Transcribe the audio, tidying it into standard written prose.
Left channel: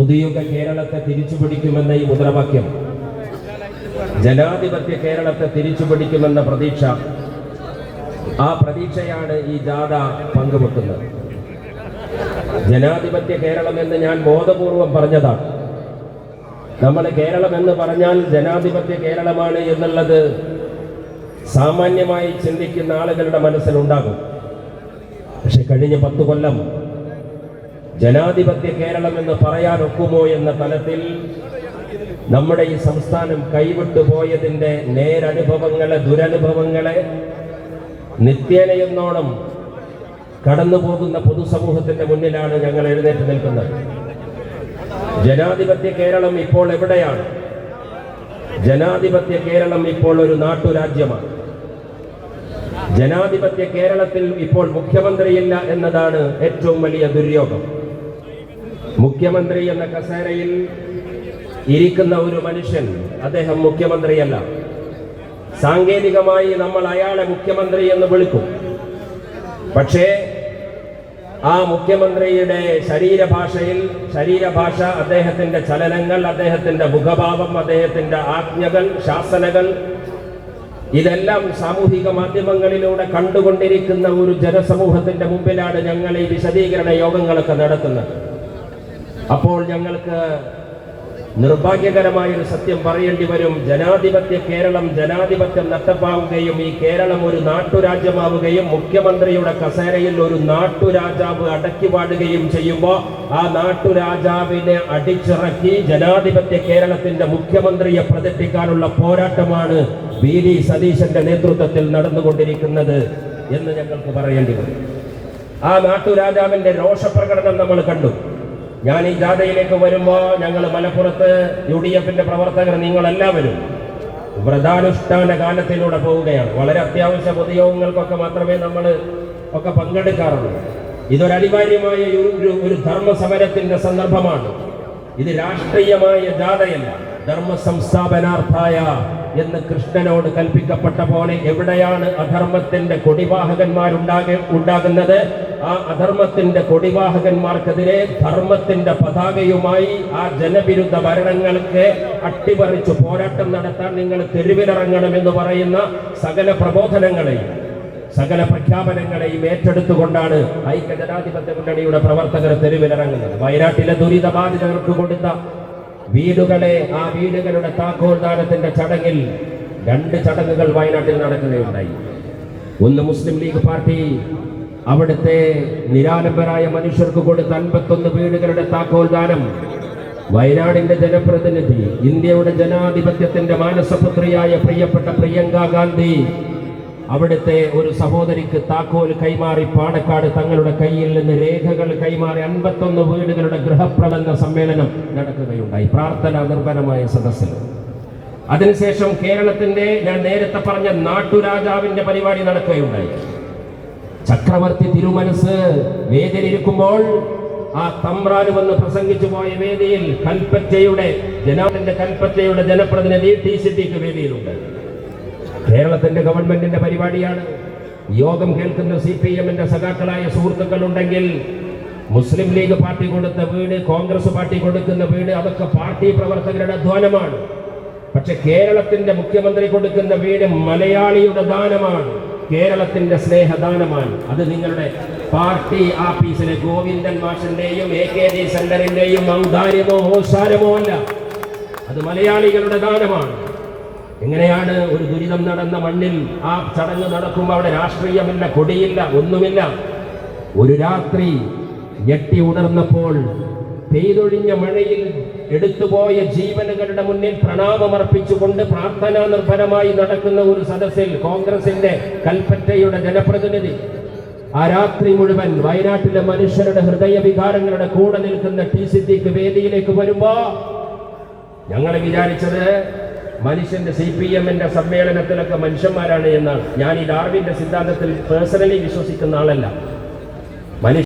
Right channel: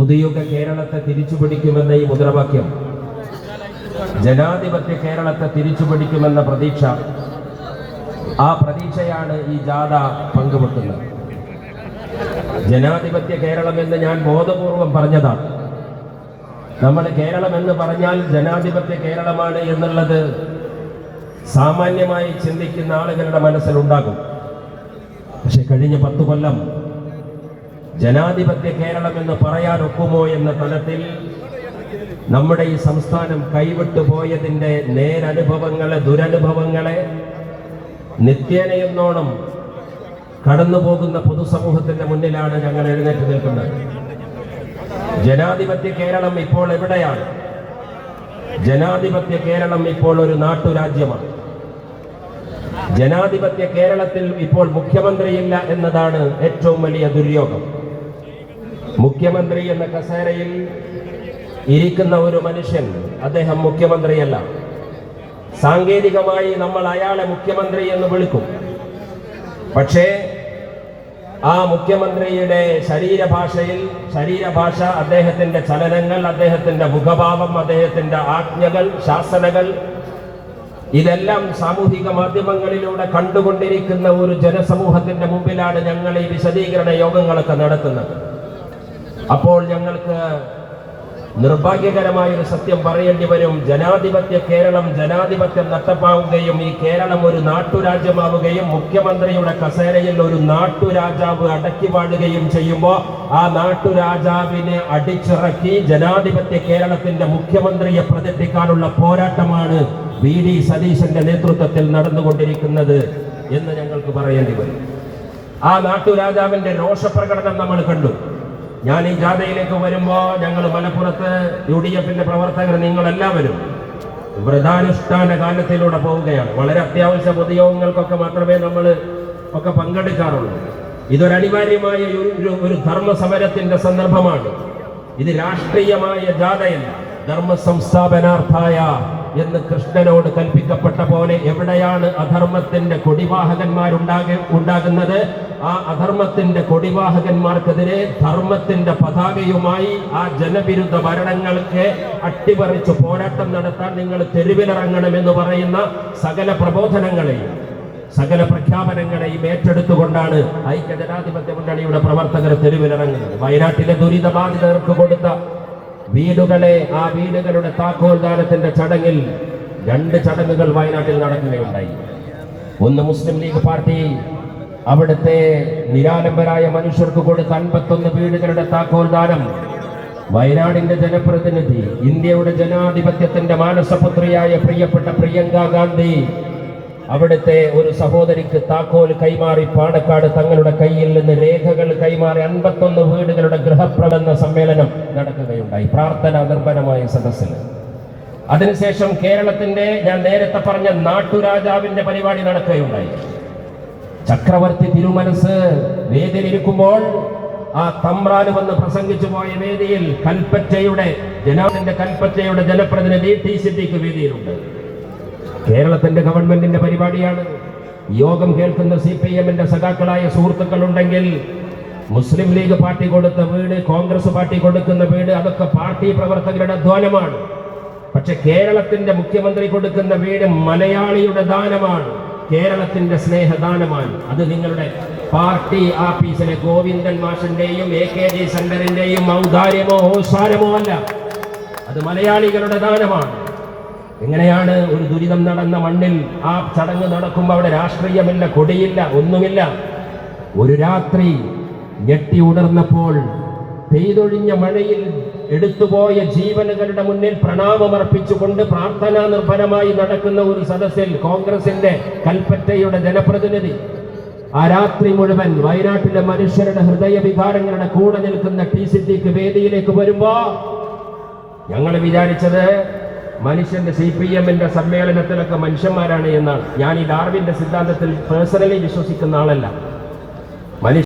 പുതുയുഗ കേരളത്തെ തിരിച്ചുപിടിക്കുമെന്ന ഈ മുദ്രാവാക്യം, ജനാധിപത്യ കേരളത്തെ തിരിച്ചുപിടിക്കുമെന്ന പ്രതീക്ഷ, ആ പ്രതീക്ഷയാണ് ഈ ജാഥ പങ്കുവെക്കുന്നത്. ജനാധിപത്യ കേരളം എന്ന് ഞാൻ ബോധപൂർവം പറഞ്ഞതാണ്. നമ്മൾ കേരളം എന്ന് പറഞ്ഞാൽ ജനാധിപത്യ കേരളമാണ് എന്നുള്ളത് സാമാന്യമായി ചിന്തിക്കുന്ന ആളുകളുടെ മനസ്സിലുണ്ടാകും. പക്ഷെ കഴിഞ്ഞ 10 കൊല്ലം ജനാധിപത്യ കേരളം എന്ന് പറയാനൊക്കുമോ എന്ന തലത്തിൽ നമ്മുടെ ഈ സംസ്ഥാനം കൈവിട്ടു പോയതിൻ്റെ നേരനുഭവങ്ങളെ, ദുരനുഭവങ്ങളെ നിത്യേനയെന്നോണം കടന്നു പോകുന്ന പൊതുസമൂഹത്തിന്റെ മുന്നിലാണ് ഞങ്ങൾ എഴുന്നേറ്റ് നിൽക്കുന്നത്. ജനാധിപത്യ കേരളം ഇപ്പോൾ എവിടെയാണ്? ജനാധിപത്യ കേരളം ഇപ്പോൾ ഒരു നാട്ടുരാജ്യമാണ്. ജനാധിപത്യ കേരളത്തിൽ ഇപ്പോൾ മുഖ്യമന്ത്രിയില്ല എന്നതാണ് ഏറ്റവും വലിയ ദുര്യോഗം. മുഖ്യമന്ത്രി എന്ന കസേരയിൽ ഇരിക്കുന്ന ഒരു മനുഷ്യൻ, അദ്ദേഹം മുഖ്യമന്ത്രിയല്ല. സാങ്കേതികമായി നമ്മൾ അയാളെ മുഖ്യമന്ത്രി എന്ന് വിളിക്കും. പക്ഷേ ആ മുഖ്യമന്ത്രിയുടെ ശരീരഭാഷ, അദ്ദേഹത്തിന്റെ ചലനങ്ങൾ, അദ്ദേഹത്തിന്റെ മുഖഭാവം, അദ്ദേഹത്തിന്റെ ആജ്ഞകൾ, ശാസനകൾ, ഇതെല്ലാം സാമൂഹിക മാധ്യമങ്ങളിലൂടെ കണ്ടുകൊണ്ടിരിക്കുന്ന ഒരു ജനസമൂഹത്തിന്റെ മുമ്പിലാണ് ഞങ്ങൾ ഈ വിശദീകരണ യോഗങ്ങളൊക്കെ നടത്തുന്നത്. അപ്പോൾ ഞങ്ങൾക്ക് നിർഭാഗ്യകരമായൊരു സത്യം പറയേണ്ടി വരും. ജനാധിപത്യ കേരളം ജനാധിപത്യം നഷ്ടമാവുകയും ഈ കേരളം ഒരു നാട്ടുരാജ്യമാവുകയും മുഖ്യമന്ത്രിയുടെ കസേരയിൽ ഒരു നാട്ടുരാജാവ് അടക്കി പാടുകയും ചെയ്യുമ്പോൾ ആ നാട്ടുരാജാവിനെ അടിച്ചിറക്കി ജനാധിപത്യ കേരളത്തിന്റെ മുഖ്യമന്ത്രിയെ പ്രതിഷ്ഠിക്കാനുള്ള പോരാട്ടമാണ് വി.ഡി. സതീശന്റെ നേതൃത്വത്തിൽ നടന്നുകൊണ്ടിരിക്കുന്നത് എന്ന് ഞങ്ങൾക്ക് പറയേണ്ടി വരും. ആ നാട്ടുരാജാവിന്റെ രോഷപ്രകടനം നമ്മൾ കണ്ടു. ഞാൻ ഈ ജാഥയിലേക്ക് വരുമ്പോൾ ഞങ്ങൾ മലപ്പുറത്ത് UDF-ന്റെ പ്രവർത്തകർ നിങ്ങളെല്ലാവരും വ്രതാനുഷ്ഠാന കാലത്തിലൂടെ പോവുകയാണ്. വളരെ അത്യാവശ്യ പൊതുയോഗങ്ങൾക്കൊക്കെ മാത്രമേ നമ്മൾ ഒക്കെ പങ്കെടുക്കാറുള്ളൂ. ഇതൊരു അനിവാര്യമായ ഒരു ധർമ്മ സമരത്തിന്റെ സന്ദർഭമാണ്. ഇത് രാഷ്ട്രീയമായ ജാഥയല്ല. ധർമ്മ സംസ്ഥാപനാർത്ഥായ എന്ന് കൃഷ്ണനോട് കൽപ്പിക്കപ്പെട്ട പോലെ എവിടെയാണ് അധർമ്മത്തിന്റെ കൊടിവാഹകന്മാരുണ്ടാകുന്നത്, ആ അധർമ്മത്തിന്റെ കൊടിവാഹകന്മാർക്കെതിരെ ധർമ്മത്തിന്റെ പതാകയുമായി ആ ജനവിരുദ്ധ ഭരണങ്ങൾക്ക് അട്ടിമറിച്ച് പോരാട്ടം നടത്താൻ നിങ്ങൾ തെരുവിലിറങ്ങണമെന്ന് പറയുന്ന സകല പ്രബോധനങ്ങളെയും സകല പ്രഖ്യാപനങ്ങളെയും ഏറ്റെടുത്തുകൊണ്ടാണ് ഐക്യജനാധിപത്യ മുന്നണിയുടെ പ്രവർത്തകർ തെരുവിലിറങ്ങുന്നത്. വയനാട്ടിലെ ദുരിതബാധിതർക്ക് കൊടുത്ത വീടുകളെ, ആ വീടുകളുടെ താക്കോൽദാനത്തിന്റെ ചടങ്ങിൽ 2 ചടങ്ങുകൾ വയനാട്ടിൽ നടക്കുകയുണ്ടായി. ഒന്ന് മുസ്ലിം ലീഗ് പാർട്ടി അവിടുത്തെ നിരാലംബരായ മനുഷ്യർക്ക് കൊടുത്ത 51 വീടുകളുടെ താക്കോൽദാനം വയനാടിന്റെ ജനപ്രതിനിധി, ഇന്ത്യയുടെ ജനാധിപത്യത്തിന്റെ മാനസപുത്രിയായ പ്രിയപ്പെട്ട പ്രിയങ്ക ഗാന്ധി അവിടുത്തെ ഒരു സഹോദരിക്ക് താക്കോൽ കൈമാറി പാണക്കാട് തങ്ങളുടെ കയ്യിൽ നിന്ന് രേഖകൾ കൈമാറി 51 വീടുകളുടെ ഗൃഹപ്രബന്ധ സമ്മേളനം നടക്കുകയുണ്ടായി, പ്രാർത്ഥന നിർഭരമായ സദസ്സിൽ. അതിനുശേഷം കേരളത്തിന്റെ, ഞാൻ നേരത്തെ പറഞ്ഞ നാട്ടുരാജാവിന്റെ പരിപാടി നടക്കുകയുണ്ടായി. ചക്രവർത്തി തിരുമനസ് വേദിയിലിരിക്കുമ്പോൾ ആ തമ്പ്രാന് വന്ന് പ്രസംഗിച്ചു പോയ വേദിയിൽ കൽപ്പറ്റയുടെ ജനപ്രതിനിധി ടി സിദ്ദീഖ് വേദിയിലുണ്ട്. കേരളത്തിന്റെ ഗവൺമെന്റിന്റെ പരിപാടിയാണ്. യോഗം കേൾക്കുന്ന CPM-ന്റെ സഖാക്കളായ സുഹൃത്തുക്കളുണ്ടെങ്കിൽ മുസ്ലിം ലീഗ് പാർട്ടി കൊടുത്ത വീട്, കോൺഗ്രസ് പാർട്ടി കൊടുക്കുന്ന വീട്, അതൊക്കെ പാർട്ടി പ്രവർത്തകരുടെ അധ്വാനമാണ്. പക്ഷെ കേരളത്തിന്റെ മുഖ്യമന്ത്രി കൊടുക്കുന്ന വീട് മലയാളിയുടെ ദാനമാണ്, കേരളത്തിന്റെ സ്നേഹദാനമാണ്. അത് നിങ്ങളുടെ പാർട്ടി ആഫീസിലെ ഗോവിന്ദൻ മാഷിന്റെയും AKG സെന്ററിന്റെയും ഔദാര്യമോ ഓസാരമോ അല്ല, അത് മലയാളികളുടെ ദാനമാണ്. എങ്ങനെയാണ് ഒരു ദുരിതം നടന്ന മണ്ണിൽ ആ ചടങ്ങ് നടക്കുമ്പോൾ അവിടെ രാഷ്ട്രീയമില്ല, കൊടിയില്ല, ഒന്നുമില്ല. ഒരു രാത്രി ഞെട്ടി ഉണർന്നപ്പോൾ പെയ്തൊഴിഞ്ഞ മഴയിൽ എടുത്തുപോയ ജീവനുകളുടെ മുന്നിൽ പ്രണാമമർപ്പിച്ചുകൊണ്ട് പ്രാർത്ഥനാ നിർഭരമായി നടക്കുന്ന ഒരു സദസ്സിൽ കോൺഗ്രസിന്റെ കൽപ്പറ്റയുടെ ജനപ്രതിനിധി ആ രാത്രി മുഴുവൻ വയനാട്ടിലെ മനുഷ്യരുടെ ഹൃദയവികാരങ്ങളുടെ കൂടെ നിൽക്കുന്ന ടി സിദ്ദീഖ് വേദിയിലേക്ക് വരുമ്പോ ഞങ്ങൾ വിചാരിച്ചത് മനുഷ്യന്റെ CPM-ന്റെ സമ്മേളനത്തിലൊക്കെ മനുഷ്യന്മാരാണ് എന്നാണ്. ഞാൻ ഈ ഡാർവിന്റെ സിദ്ധാന്തത്തിൽ പേഴ്സണലി വിശ്വസിക്കുന്ന ആളല്ല.